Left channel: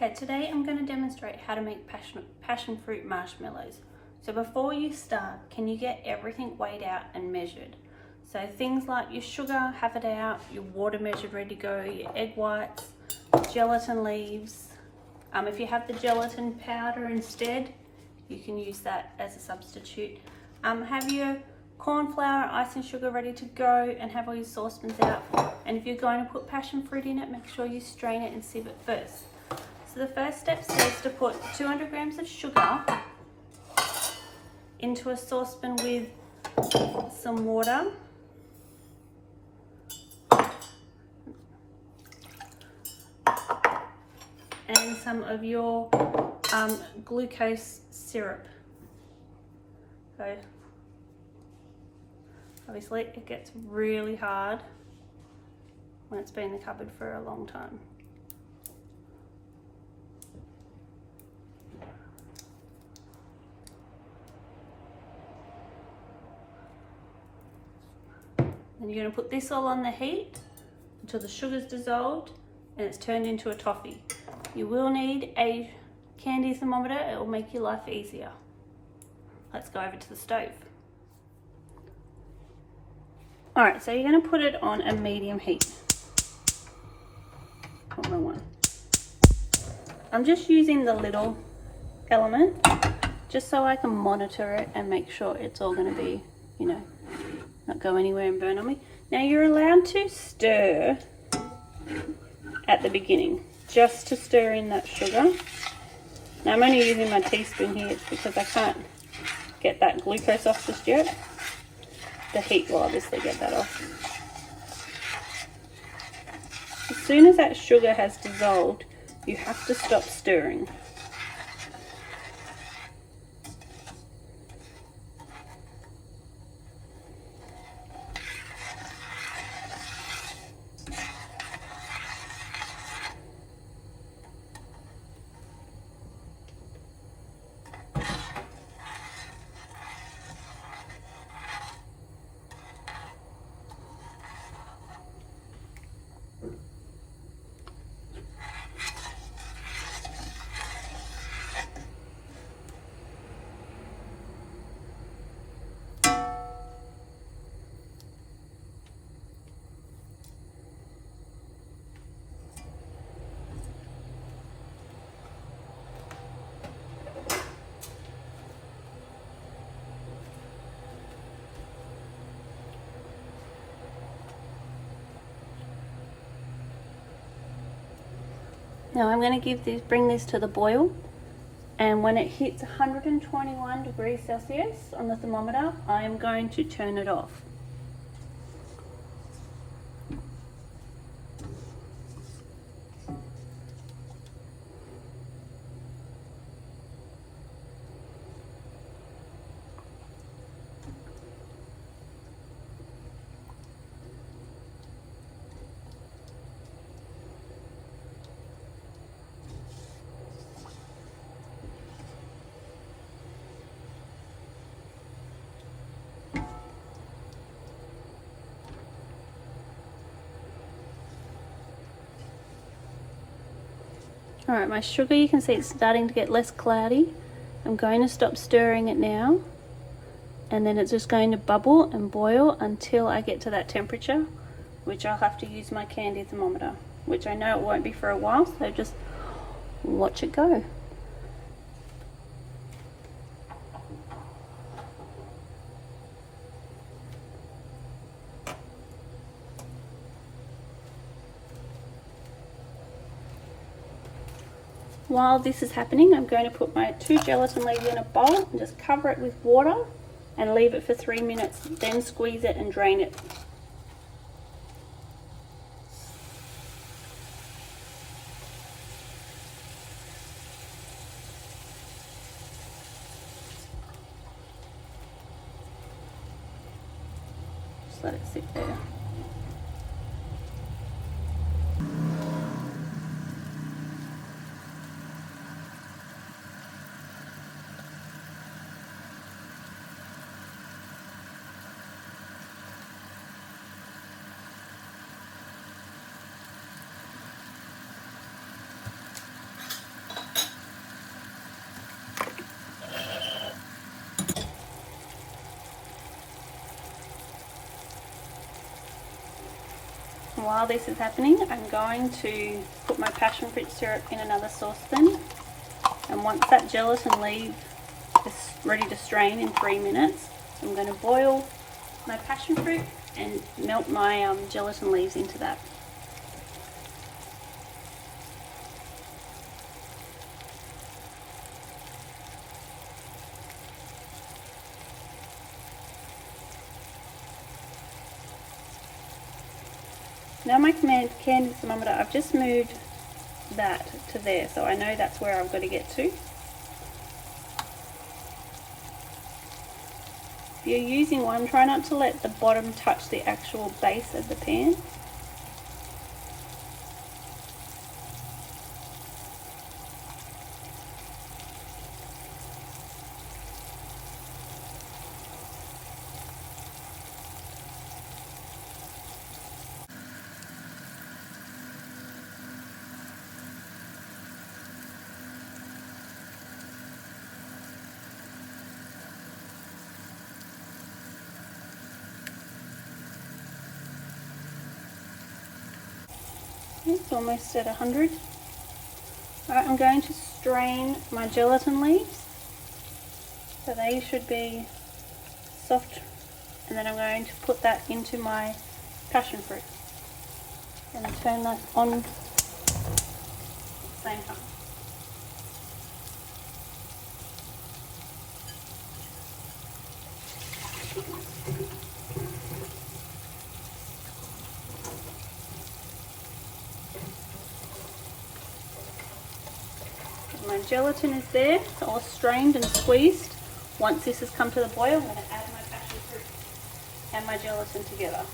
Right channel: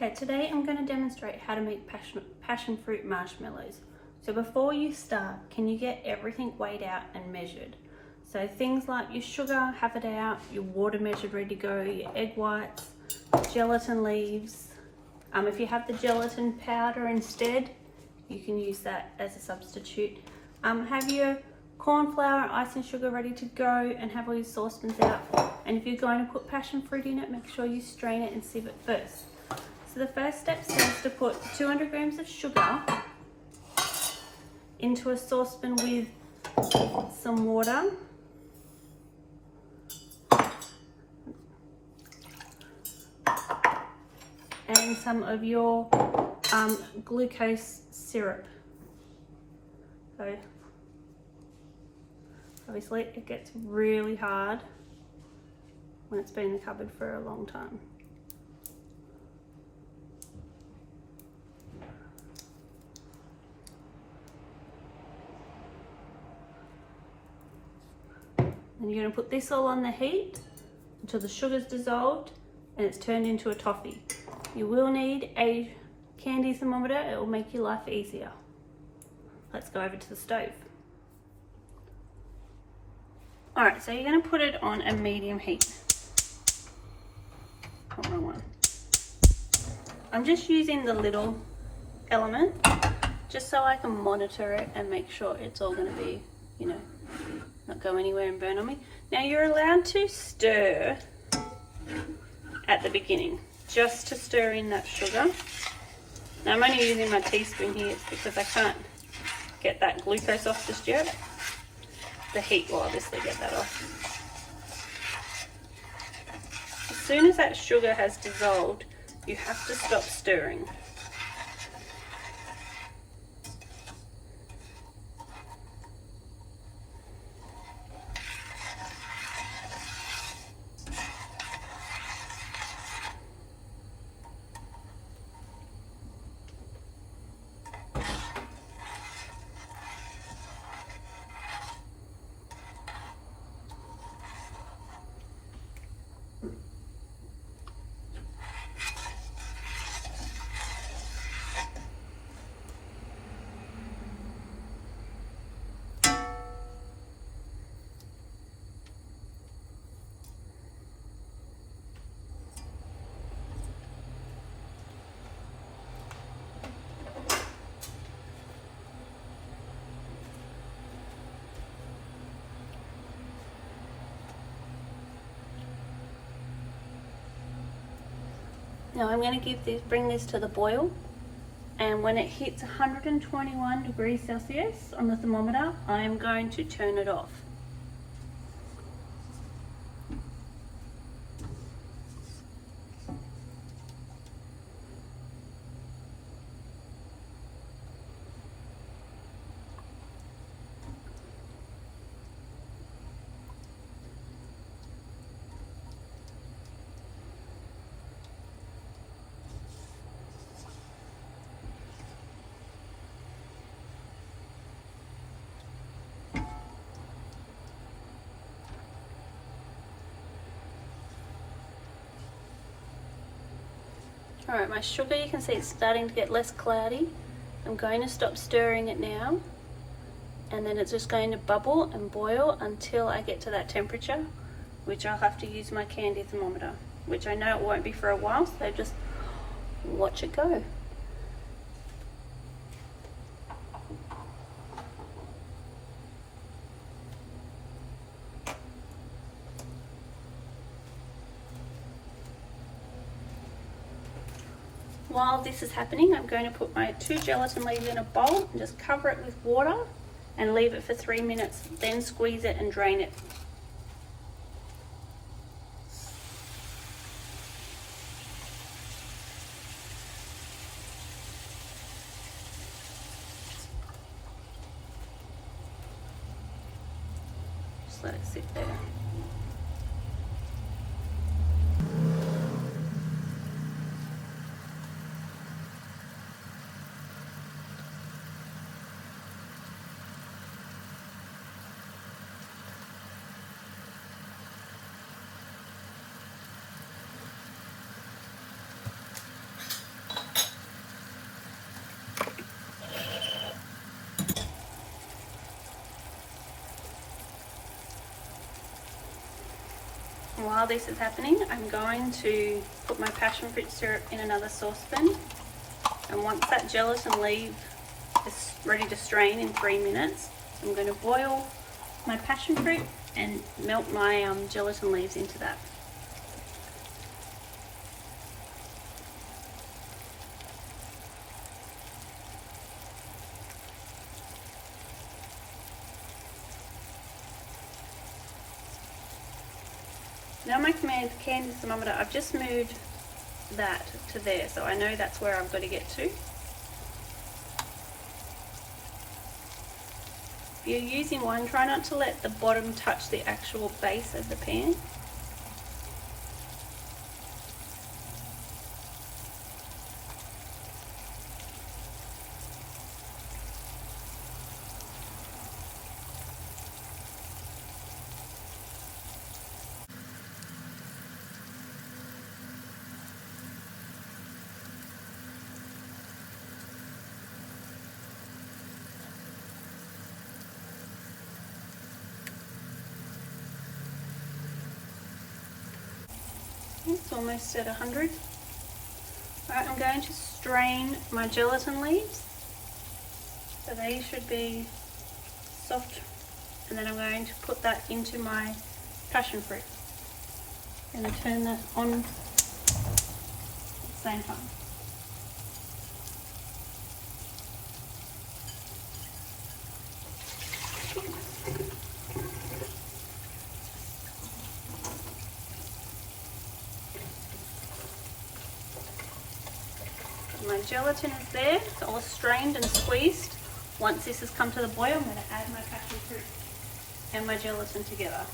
Okay, today I'm going to demonstrate how to make passion fruit marshmallows. So before you start, can you get everything weighed out and measured? So things like your sugar, have it out, your water measured, ready to go, your egg whites, gelatin leaves. If you have the gelatin powder instead, you can use that as a substitute. Have your corn flour, icing sugar ready to go, and have all your saucepans out. And if you're going to put passion fruit in it, make sure you strain it and sieve it first. So the first step says to put 200 grams of sugar into a saucepan with some water. And some of your glucose syrup. So obviously it gets really hard when it's been in the cupboard for a long time. Then you're going to put this all on the heat until the sugar's dissolved and it's turned into a toffee. You will need a candy thermometer, it will make your life easier. Let's go over to the stove. Alright, so you're going to put it on a medium heat. Oh, wrong one. I'm just using the little element just so I can monitor it and make sure it's all going to be, not go anywhere and burn on me. Now you're allowed to stir at the beginning, just to stir in that sugar. Now I'm only using my teaspoon here because I can't get that glucose off just yet. The heat will obviously get that off. As soon as that sugar has dissolved, you have to stop stirring. Now I'm going to bring this to the boil, and when it hits 121 degrees Celsius on the thermometer, I'm going to turn it off. Alright, my sugar, you can see it's starting to get less cloudy. I'm going to stop stirring it now, and then it's just going to bubble and boil until I get to that temperature, which I'll have to use my candy thermometer, which I know it won't be for a while, so just watch it go. While this is happening, I'm going to put my 2 gelatin leaves in a bowl and just cover it with water and leave it for 3 minutes, then squeeze it and drain it. Just let it sit there. this is happening, I'm going to put my passion fruit syrup in another saucepan, and once that gelatin leaf is ready to strain in 3 minutes, I'm going to boil my passion fruit and melt my gelatin leaves into that. Now my candle thermometer, I've just moved that to there, so I know that's where I've got to get to. If you're using one, try not to let the bottom touch the actual base of the pan. It's almost at 100. Alright, I'm going to strain my gelatin leaves. So they should be soft. And then I'm going to put that into my passion fruit. And turn that on at the same time. My gelatin is there, it's all strained and squeezed. Once this has come to the boil, I'm going to add my passion fruit and my gelatin together.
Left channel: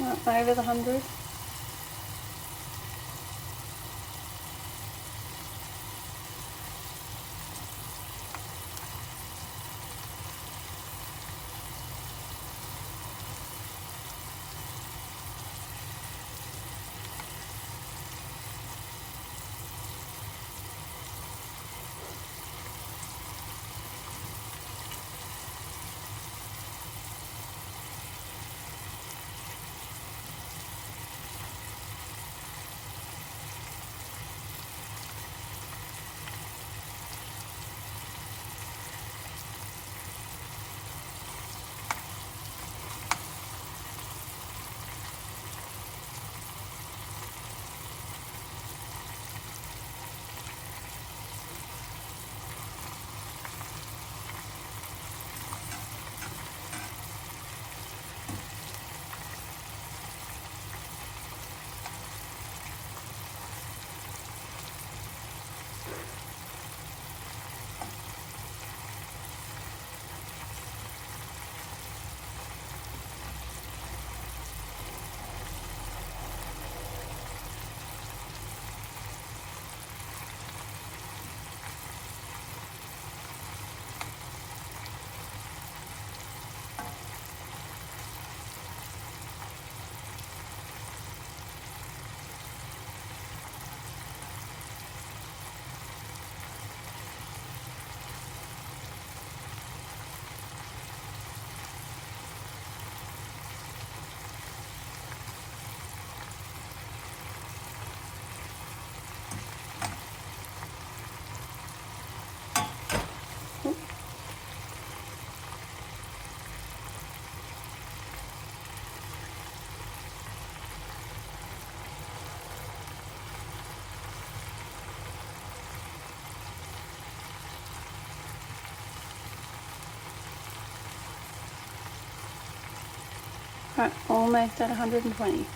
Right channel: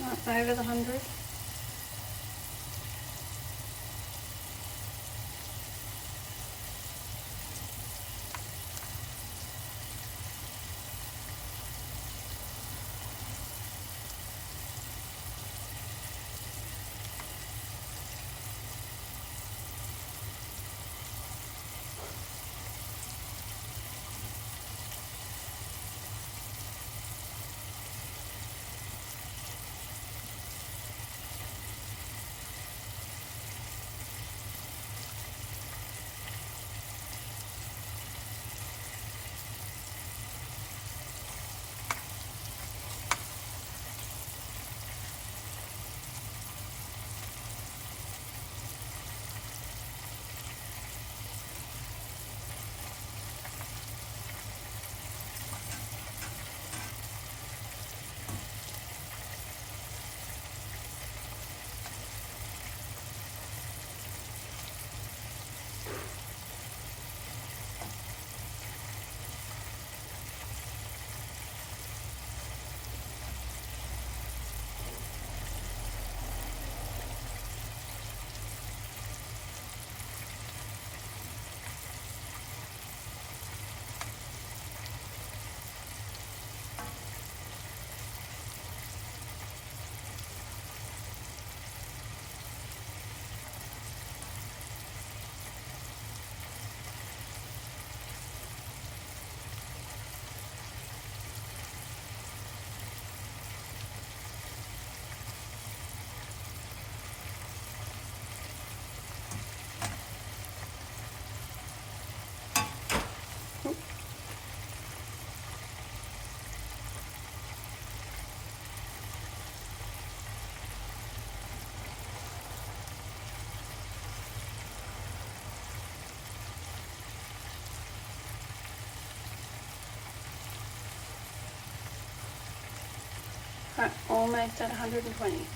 That's over the 100. Right, almost at 120.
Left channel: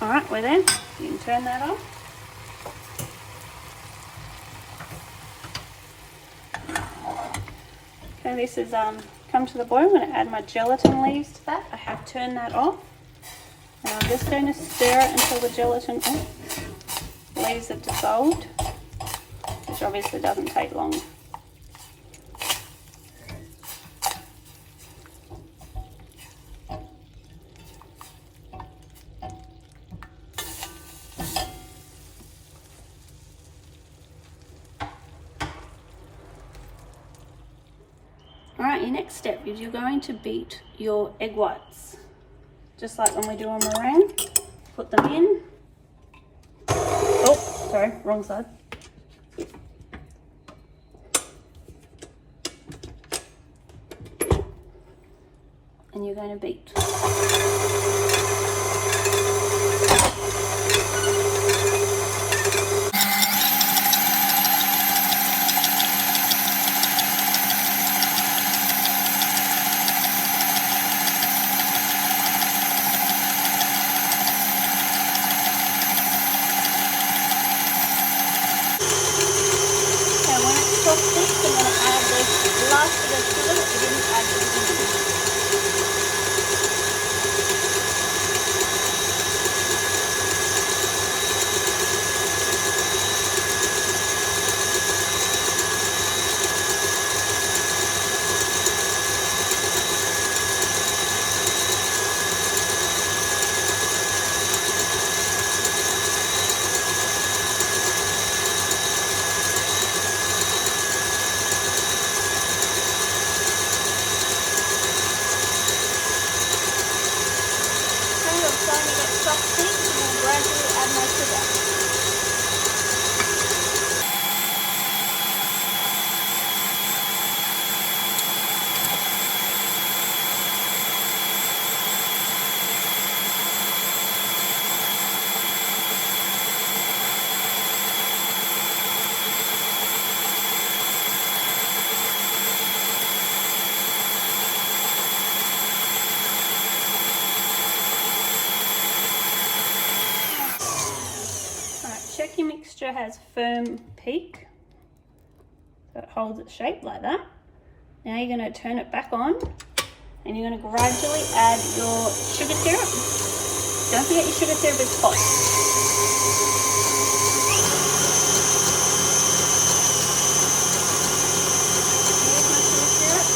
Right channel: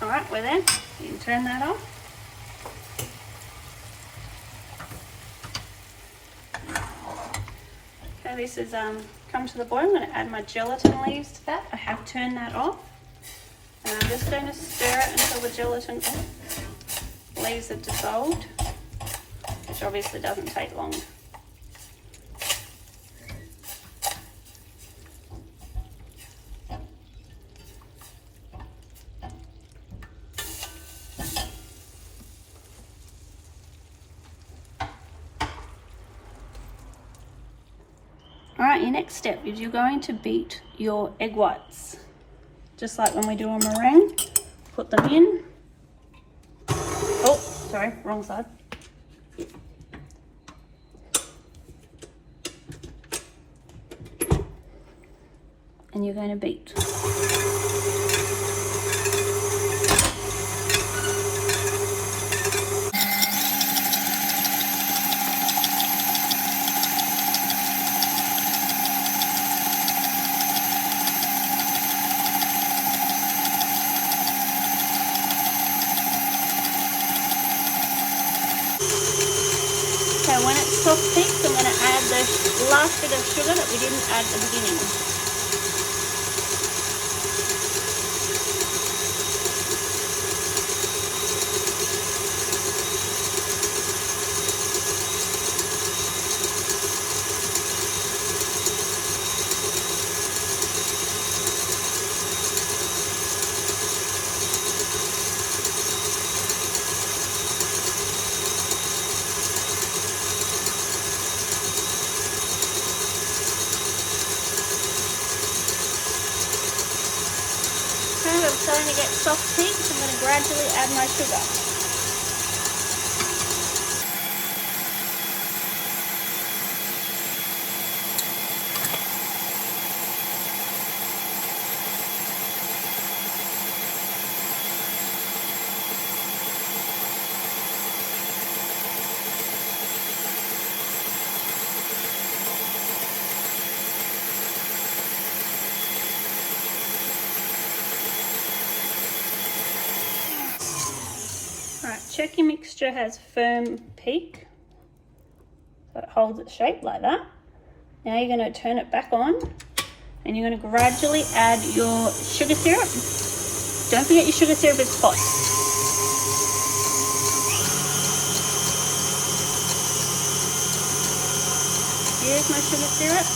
Alright, we're there. You can turn that off. Okay, this is come to the boil. I'm going to add my gelatin leaves to that. I have turned that off. And I'm just going to stir it until the gelatin leaves are dissolved, which obviously doesn't take long. Alright, your next step is you're going to beat your egg whites. Just like when we do a meringue. Put them in. Oh, sorry, wrong side. And you're going to beat. Soft bits, and we'll gradually add my sugar. Check your mixture has firm peak, so it holds its shape like that. Now you're going to turn it back on and you're going to gradually add your sugar syrup. Don't forget your sugar syrup is hot. Here's my sugar syrup.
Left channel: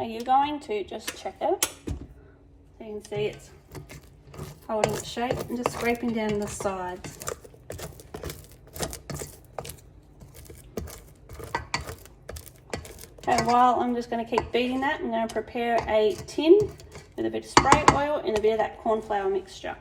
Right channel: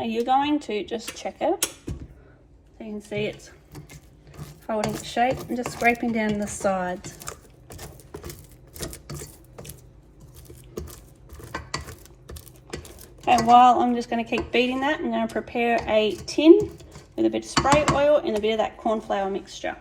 Now you're going to just check it. So you can see it's holding its shape and just scraping down the sides. Okay, while I'm just going to keep beating that, I'm going to prepare a tin with a bit of spray oil and a bit of that corn flour mixture.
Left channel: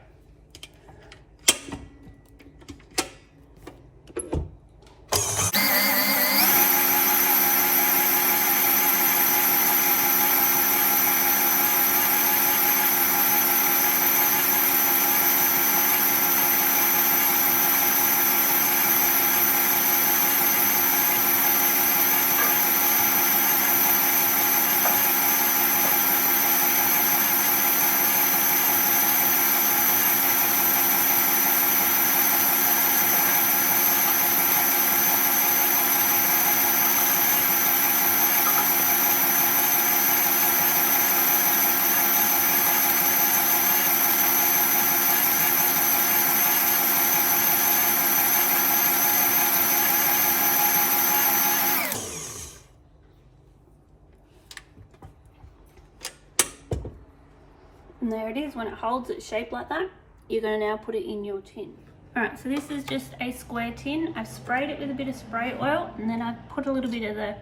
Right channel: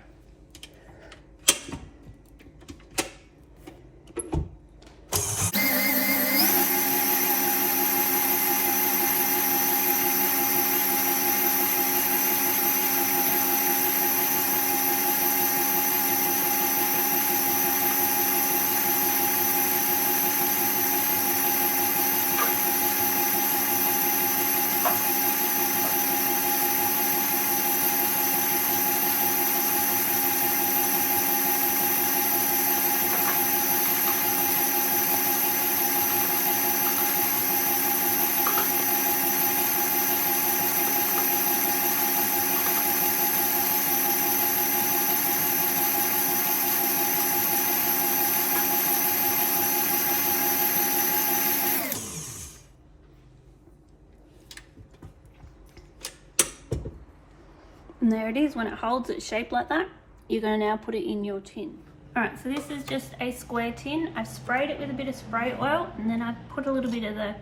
And there it is. When it holds its shape like that, you're going to now put it in your tin. Alright, so this is just a square tin. I've sprayed it with a bit of spray oil, and then I've put a little bit of the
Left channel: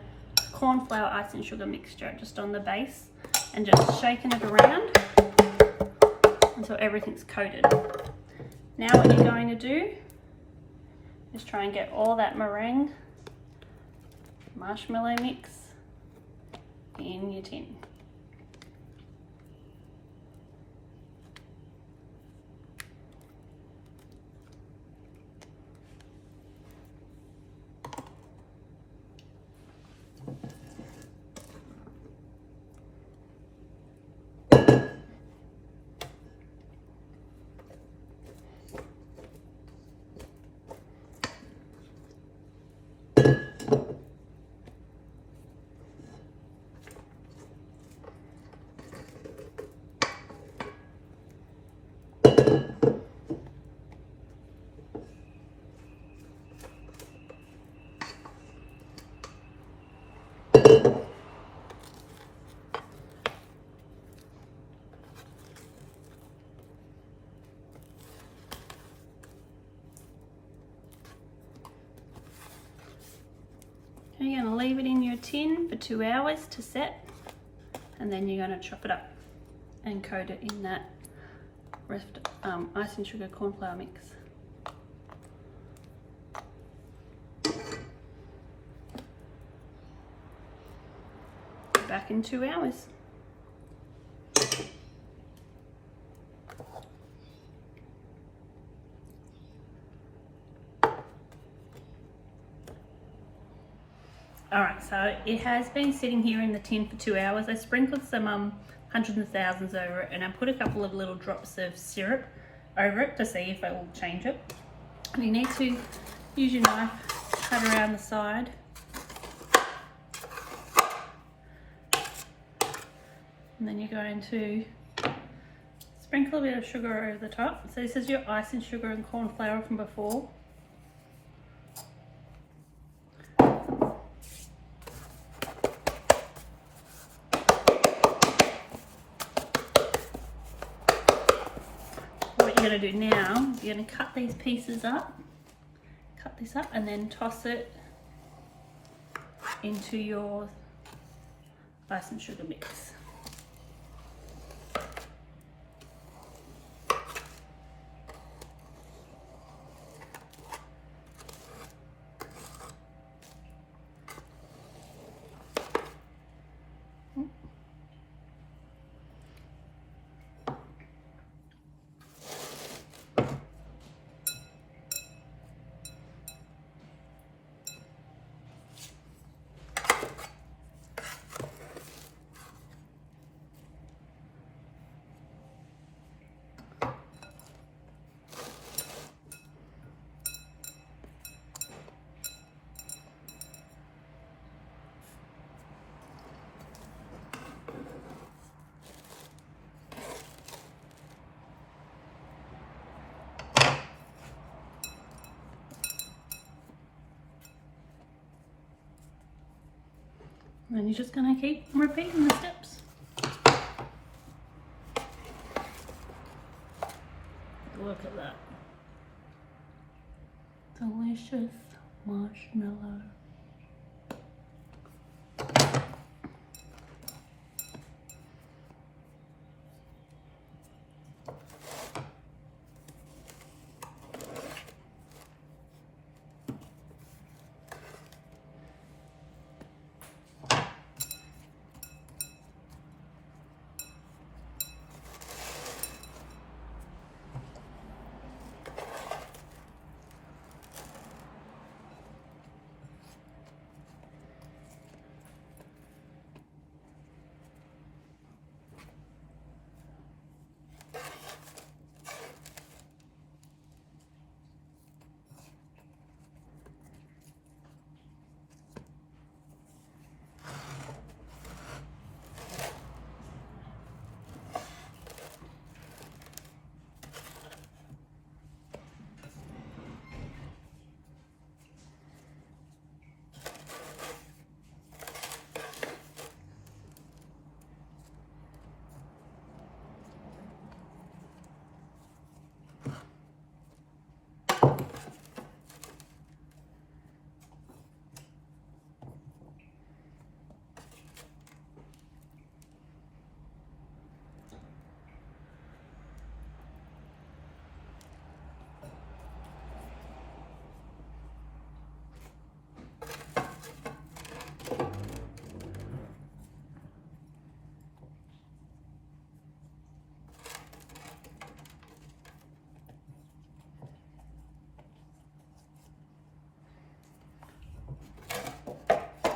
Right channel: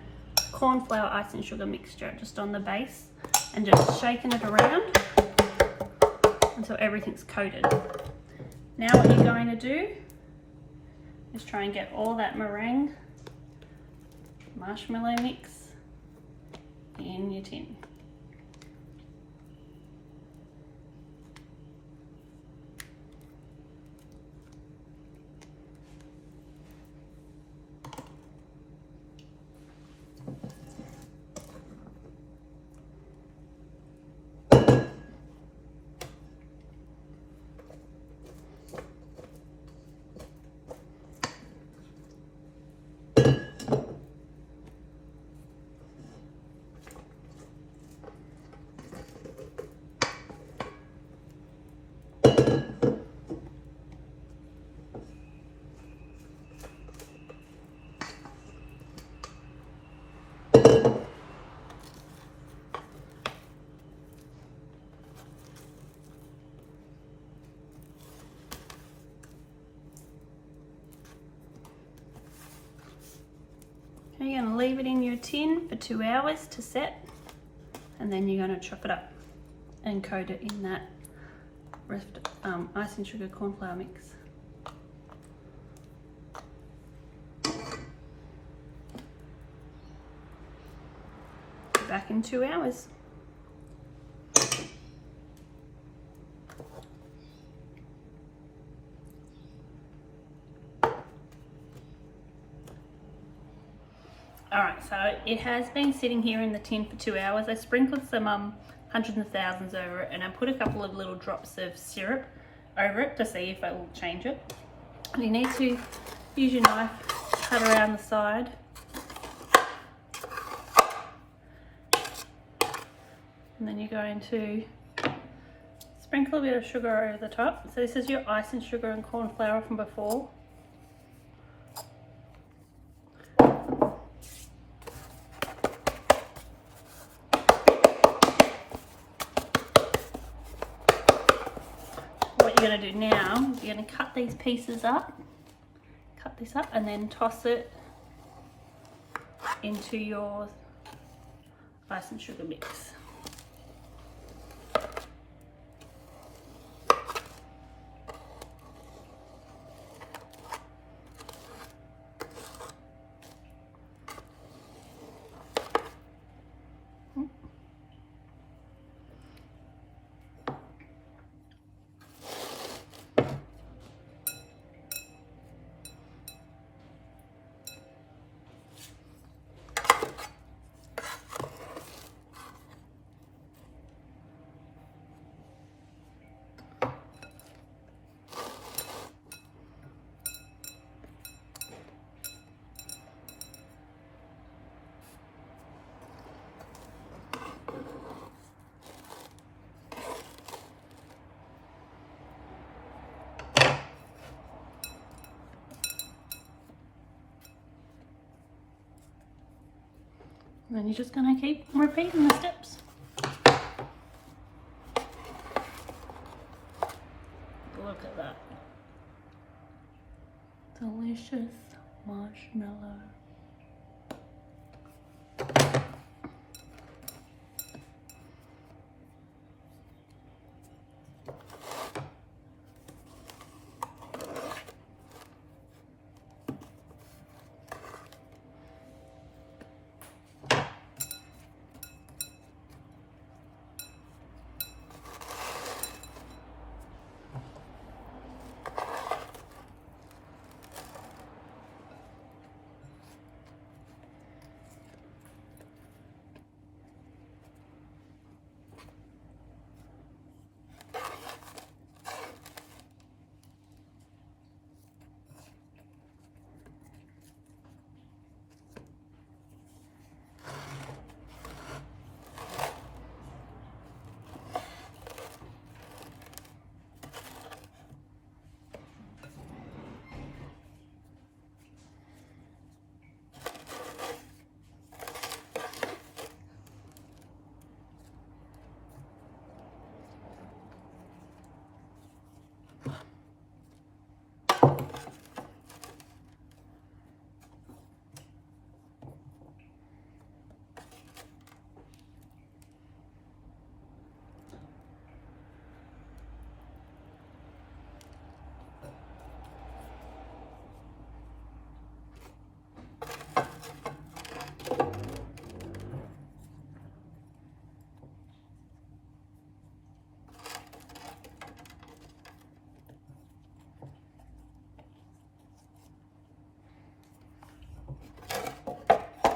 corn flour, ice and sugar mixture just on the base, and just shaking it around until everything's coated. Now what you're going to do is try and get all that meringue marshmallow mix in your tin. You're going to leave it in your tin for 2 hours to set, and then you're going to chop it up and coat it in that ice and sugar corn flour mix. Back in 2 hours. Alright, so it has been sitting here in the tin for 2 hours. I sprinkled some hundreds and thousands over it, and I put a couple of little drops of syrup over it to see if it will change it. And you need to use your knife, cut around the side. And then you're going to sprinkle a bit of sugar over the top. So this is your ice and sugar and corn flour from before. What you're going to do now, you're going to cut these pieces up, cut this up, and then toss it into your ice and sugar mix. And then you're just going to keep repeating the steps. Look at that. Delicious marshmallow.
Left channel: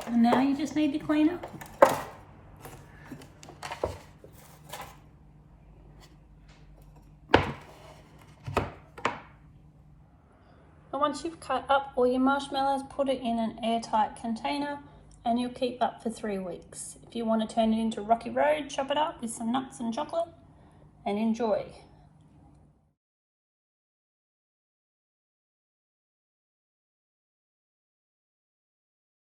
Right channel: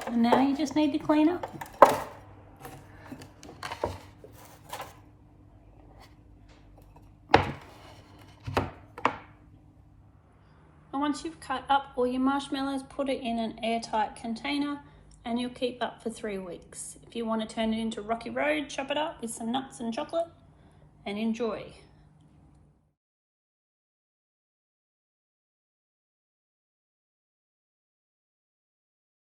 And now you just need to clean up. And once you've cut up all your marshmallows, put it in an airtight container and you'll keep that for 3 weeks. If you want to turn it into Rocky Road, chop it up with some nuts and chocolate and enjoy.